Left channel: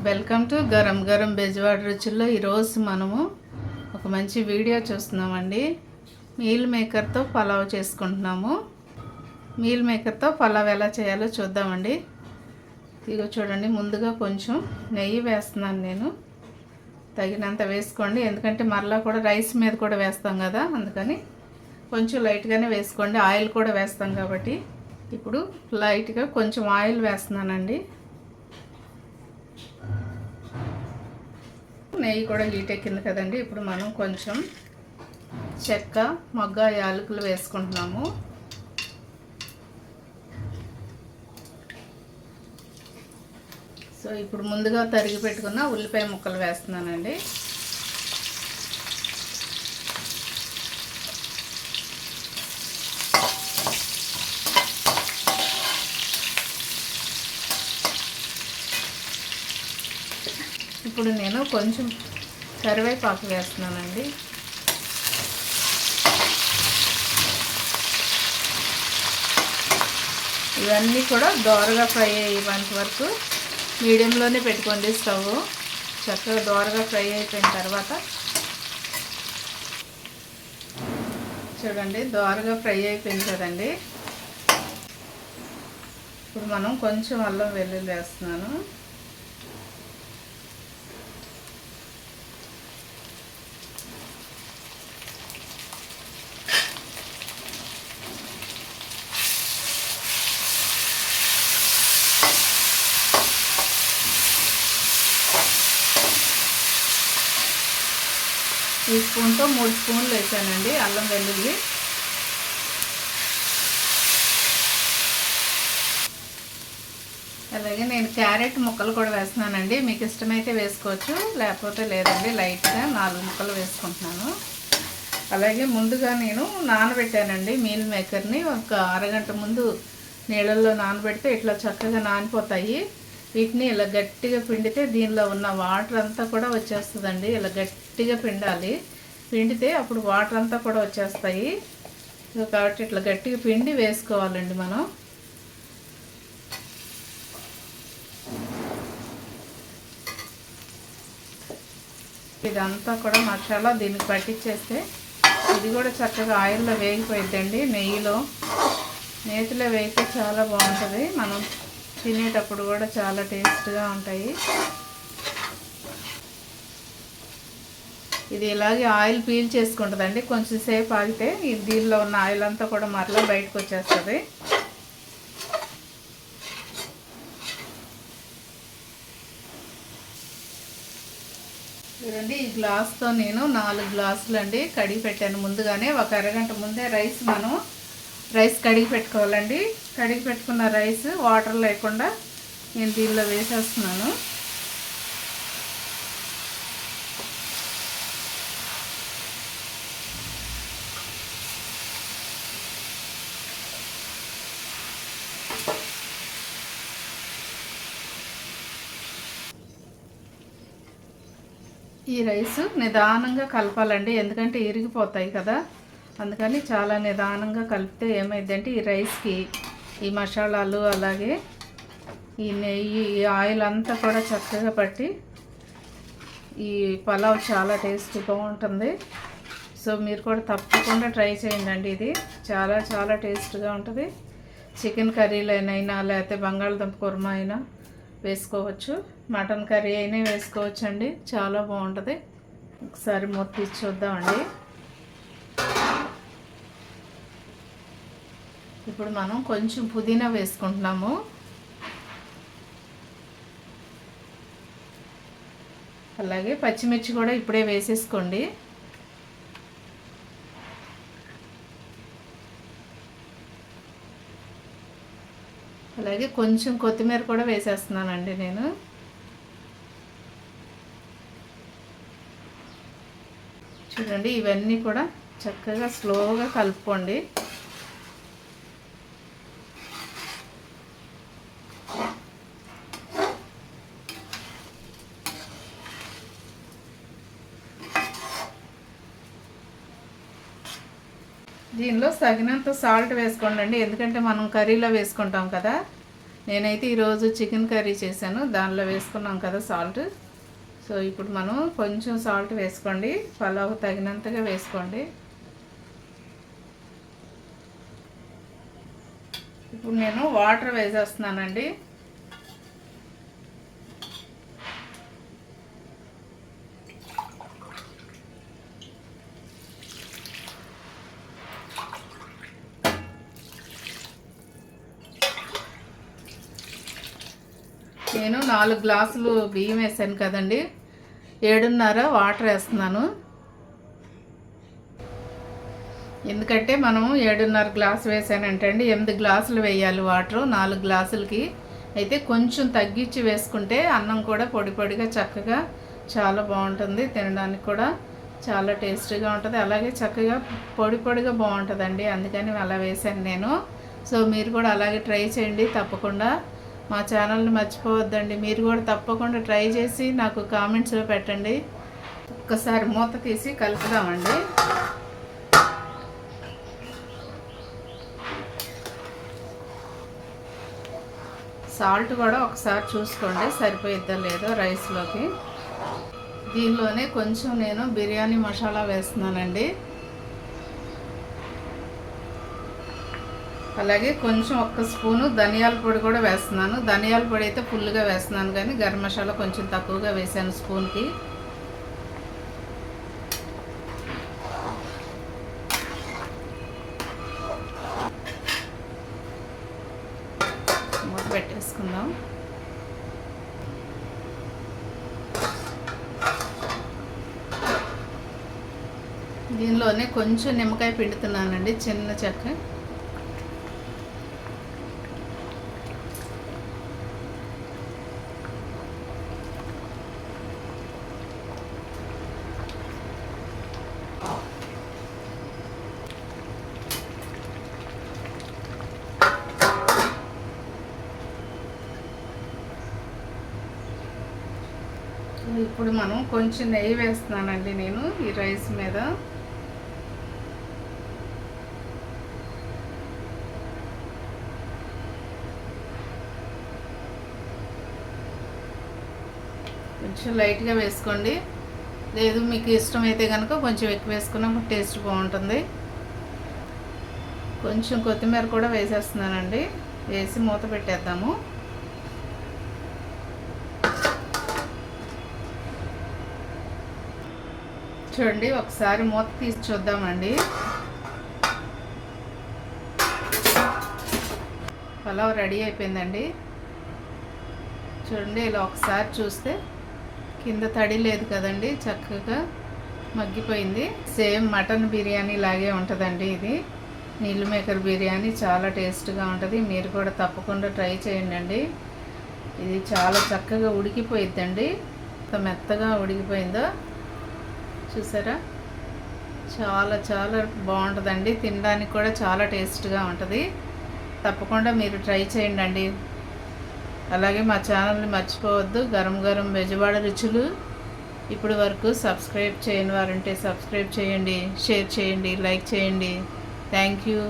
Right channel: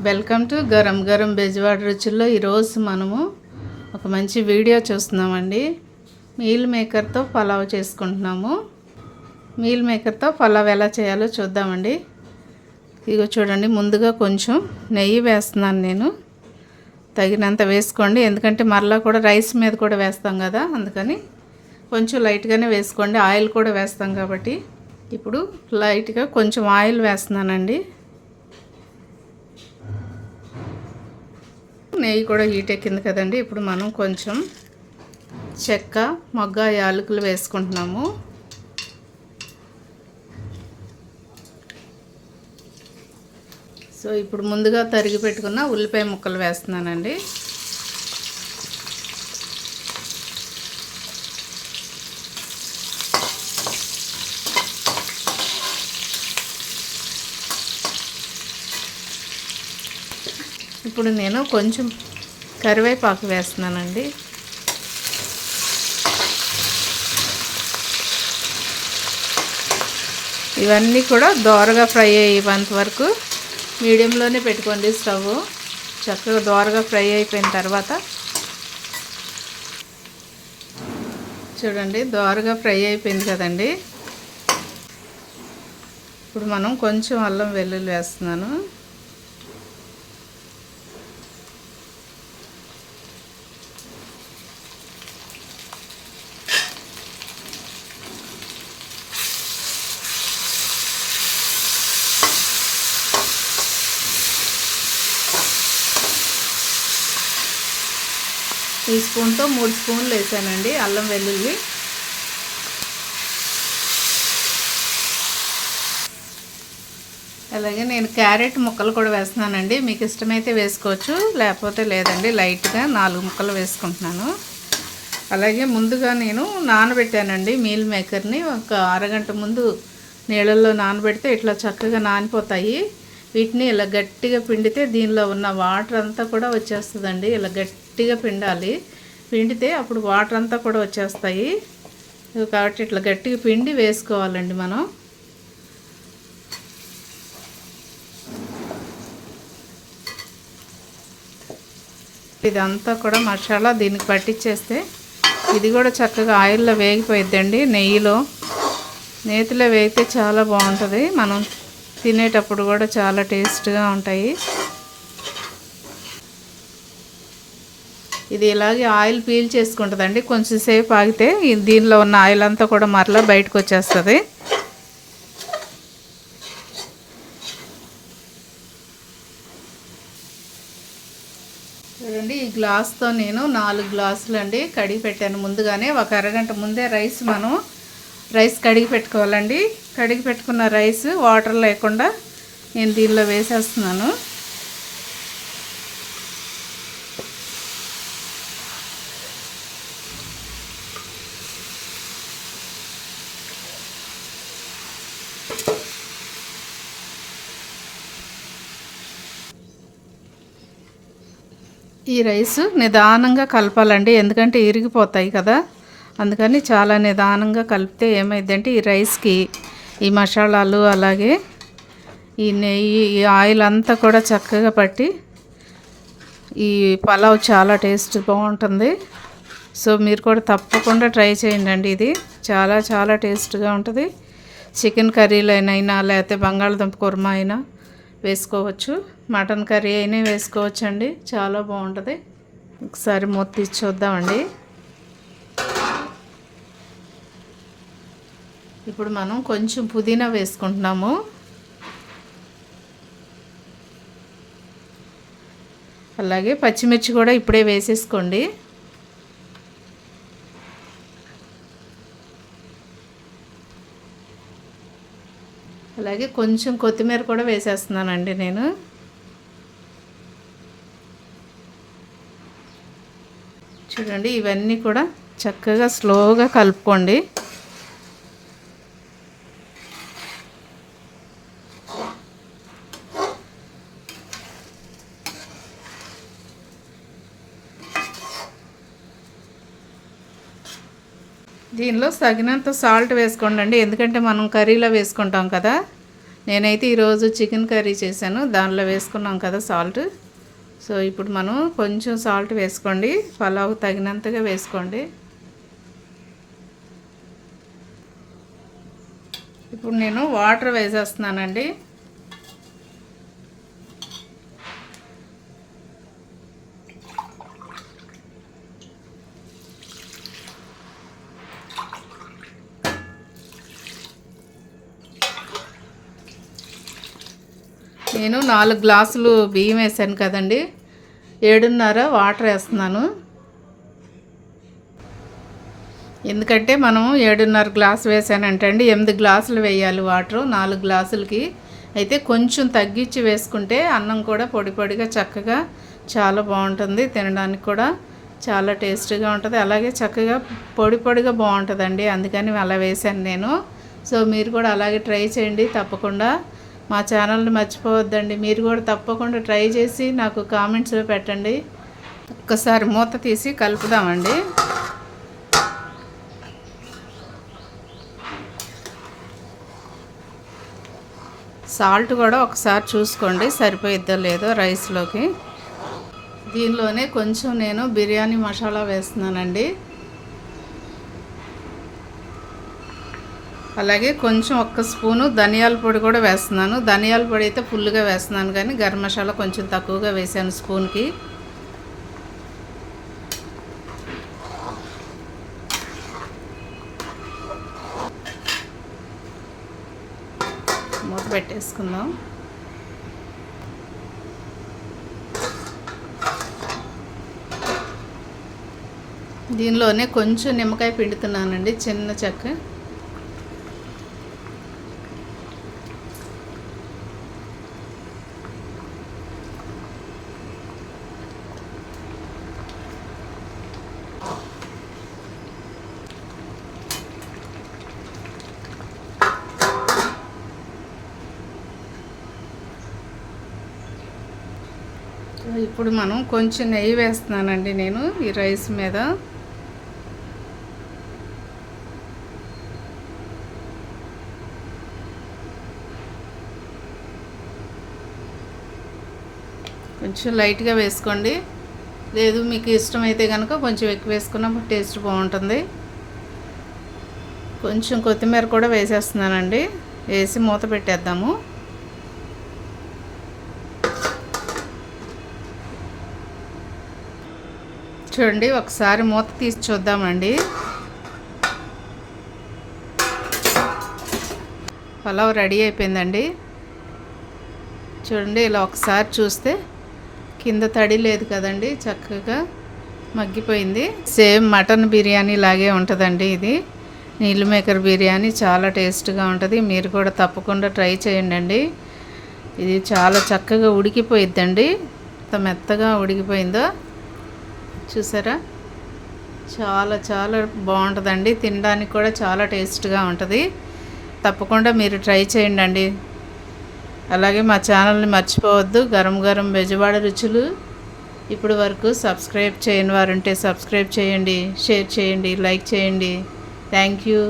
Welcome to గరం గరం బెజవాడ రుచుల్లో. ఈరోజు మనము ఒక మంచి వీడియో చూస్తున్నామండి. మీల్ మేకర్తో పలావ్ చేసుకుంటున్నాము. మీల్ మేకర్తో పలావ్ ఎలా చేయాలో చూద్దామండి. ఇదిగో చూడండి, ముందుగా కొంచెం నెయ్యి వేస్తున్నాను నేను. తగినంత వేసుకోండి, ఎందుకంటే మరలా కూడా రైస్ మీద కూడా వేస్తాం కదా, అందుకని కొంచెం లైట్గానే వేసుకోండి. ఆయిల్ కూడా వేస్తాం కాబట్టి. ఇప్పుడు లైట్గా కొంచెం ఆయిల్ వేస్తున్నానండి. నెయ్యి కూడా హీట్ ఎక్కింది కదండి. ఇప్పుడు మనం కొంచెం చెక్క, మొగ్గ, యాలకులు వేసుకుంటున్నాము. సో ఇప్పుడు ముందుగా తరిగి పెట్టుకున్న ఉల్లిపాయ ముక్కలు వేస్తున్నానండి. ఇప్పుడు నేను కొంచెం కరివేపాకు వేస్తున్నానండి. ఇవన్నీ కూడా దోరగా ఫ్రై అయ్యేంత వరకు మీడియంలోనే పెట్టుకోండి స్టవ్. చక్కగా దోరగా ఫ్రై అయిపోయిన తర్వాత చూడండి, దోరగా ఫ్రై అయిపోయింది కదండి. ఇప్పుడు మనం కొంచెం అల్లం వెల్లుల్లి వేస్తున్నాను. ఈ స్పూన్తో 3 స్పూన్లు వేసానండి అల్లం వెల్లుల్లి. అలాగే నేను క్యారెట్ ముక్కలు కూడా వేస్తున్నానండి. మీకు ఇష్టమైతే వేసుకోవచ్చు, లేకపోతే లేదండి. లైట్గా 4 ముక్కలు వేసుకుంటున్నాను. అలాగే ముందుగా నేను నానబెట్టానండి మీల్ మేకర్ని. ఒక అరగంట ముందు నీళ్ళల్లో నానబెడితే ఇట్లా చక్కగా నానిపోతాయి. వీటిని ఇలా గట్టిగా పిండితే దీనిలో ఉన్న వాటర్ అంతా కూడా వచ్చేస్తుందండి. ఇలా గట్టిగా పిండాలి. పిండితే అప్పుడు వాటర్ అంతా కూడా వచ్చేస్తాయి. కాబట్టి ఇట్లా గట్టిగా పిండి వేసుకోవాలండి మనం. ఇదంతా కూడా మసాలా దీనికి పట్టించేస్తే ఇది కూడా చక్కగా ఆయిల్లో వేగిపోయిద్దండి. నెయ్యిలో, నేతిలో వేగితే చాలా బాగుంటుంది. మనం తినేటప్పుడు కూడా చాలా టేస్ట్గా ఉంటాయి. ఇది ఇలాగే ఆయిల్ పీల్ చేసుకుంటుందండి. కొంచెం సేపు ఆగితే దీనిలో ఉన్న ఆయిల్ అంతా కూడా మరలా బయటకు వచ్చేస్తుంది. చూడండి, ఈ గ్లాస్తో నేను 4 గ్లాసులు అండి కడిగి పెట్టాను ముందుగానే. ఒక అరగంట ముందే రైస్ కడిగి పెట్టుకోవాలండి. కడిగి పెట్టుకున్న రైస్ వాటర్ లేకుండా నేను దీనిలో వేసేస్తున్నాను. ఈ రైస్ నిదానంగా కలపాలండి, ఎందుకంటే ఇరిగిపోతాయి కదా. అందుకని చాలా నిదానంగా కలిపితే ఏమైందంటే ఈ రైస్కి ఈ మసాలాలు, అలాగే ఈ నెయ్యి, ఈ ఆయిల్ అంతా కూడా చక్కగా పట్టి ఈ పలావ్ చాలా టేస్ట్ బాగుంటుంది. సో మీరు కూడా తప్పకుండా ట్రై చేయండి. ఇది చాలా చాలా టేస్ట్గా ఉంటుంది. చికెన్ కర్రీలైనా లేకపోతే బంగాళదుంప కుర్మా అయినా వేసుకోవచ్చు, మటన్ కర్రీ అయినా వేసుకోవచ్చు అండి. చాలా బాగుంటుంది. ఒకసారి మూత తీసి చూద్దామండి. ఇప్పుడు మనం కొంచెం పుదీనా వేసుకుంటున్నాము. అలాగే పచ్చిమిర్చి కూడా ఇప్పుడే వేసేసుకోండి. అలాగే కొంచెం కొత్తిమీర కూడా వేసేస్తున్నానండి నేను. చూడండి, ఇవన్నీ కూడా చక్కగా స్లోగా కలుపుకోండి. దీనిలో తగినంత సాల్ట్ వేసుకోండి, ఎందుకంటే మనం కర్రీలో వేసుకుంటాం కదా. నేనైతే ఈరోజు చికెన్ కర్రీ చేశాను, దానిలో వేసుకున్నాం కదా సాల్ట్. సో ఇప్పుడు మనం కొంచెం సాల్ట్ వేసుకోండి, పలావ్ తగినంతగా వేసుకోండి. ఇప్పుడు నేను వాటర్ వేసేస్తున్నానండి. నేను 4 గ్లాసులు బియ్యం వేసాను కదండి, 7.5 వాటర్ వేస్తున్నాను. ఎందుకంటే మనం 7.5 గ్లాసు వేసానంటే అండి 8 గ్లాసులు వేయాలి వాటర్ 4 గ్లాసులకి. అయితే కొంచెం తగ్గించి వేసుకుంటే అన్నం కూడా పొడి పొడిగా చక్కగా చాలా బాగుంటుంది, తినడానికి కూడా చాలా టేస్టీగా ఉంటుంది, అలాగే చక్కగా పొడి పొడిగా బాగుంటుందండి. అందుకని అలా వేసాను నేను. సో మీరు కూడా అలాగే ట్రై చేయండి తప్పకుండా. మా ఛానల్ని మర్చిపోవద్దండి, మీరు కూడా తప్పకుండా ట్రై చేసి నాకు కామెంట్స్లో పెట్టండి. ఒక్కసారి మూత తీసి కలుపుదామండి. సాల్ట్ కూడా ఒకసారి చూసుకోండి సరిపోయిద్దో లేదో రైస్లోకి. దీనిలోనే కొంచెం నేను బిర్యానీ మసాలా వేస్తున్నానండి, అలాగే కొంచెం 1 స్పూను ధనియాల పొడి కూడా వేస్తున్నాను. ధనియాల పొడి అయితే ఫుల్గా వేస్తున్నాను, కానీ గరం మసాలా కొంచెం తక్కువగా వేసాను స్పూన్కి. మూత పెట్టేసుకుందాం. దీనిలోనే కొంచెం నిమ్మకాయ పిండుతున్నానండి, చిన్న చెక్క. ఇప్పుడు మనం కొంచెం నెయ్యి వేస్తున్నానండి నేను ఈ రైస్ మీద. కొంచెం లైట్గా వేసుకోండి, లేదు మీకు ఇష్టమైతే కనుక కొంచెం ఎక్కువ వేసుకున్నా టేస్ట్ బాగుంటుంది. కొంచెం కొత్తిమీర కూడా వేసేస్తున్నానండి, వేసి మూత పెట్టేద్దాము. చూడండి ఒకసారి మూత తీసి చూద్దామండి. పలావ్ రెడీ అయిపోయిందండి. చూడండి ఇలా ఒకసారి చూస్తే కింద తడి లేదు కదండి, చక్కగా మగ్గిపోయింది. సేమ్ మటన్ బిర్యానీ లాగే ఉంటుందండి ఇది. నీళ్ళు మేకర్ బిర్యానీ చాలా టేస్ట్గా ఉంటుంది, మీరు కూడా తప్పకుండా ట్రై చేయండి. ఇది చాలా చక్కగా ఉడికిపోయిద్దండి, ఎంత మెత్తగా ఉడికిపోయిందో చూసారా. చాలా చాలా బాగుంటుందండి, తినడానికి కూడా చాలా టేస్ట్గా ఉంటుంది. తప్పకుండా మీరు ట్రై చేయండి. అలాగే మా ఛానల్ని మర్చిపోవద్దు, గరం గరం బెజవాడ రుచులు. ఇప్పుడు వరకు సబ్స్క్రైబ్ చేయని వారుంటే సబ్స్క్రైబ్ చేయండి, షేర్ చేయండి, లైక్ చేయండి. Thank you.